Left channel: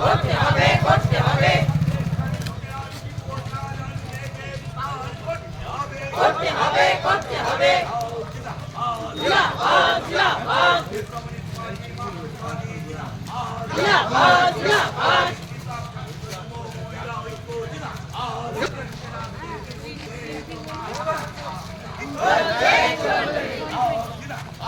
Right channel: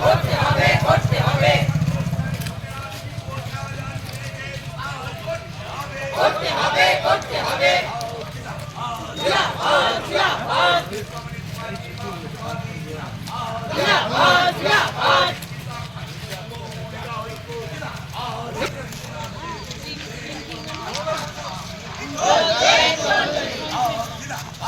Okay.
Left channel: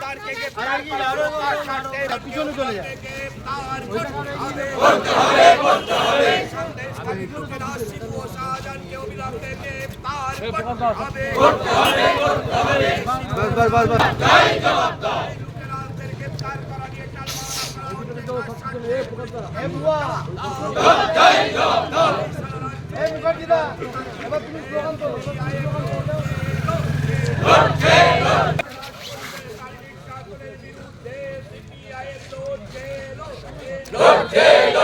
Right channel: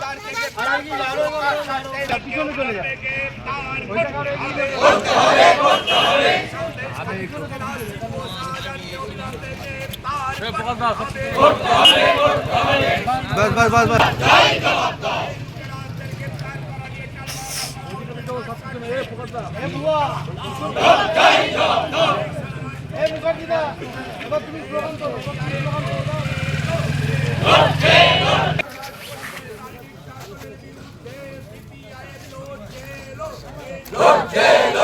دار کے ارانگی دارو کو سکتوں کو لے کے تار کو ابے کرتے ہوئے کرتے ہوئے સંદેશ دانش کو ساجا دیتے تار کرتے کرتے کرتے بس بس بس دائیں جواب دے کے کار پر اڑিয়ে چلوا اپنا que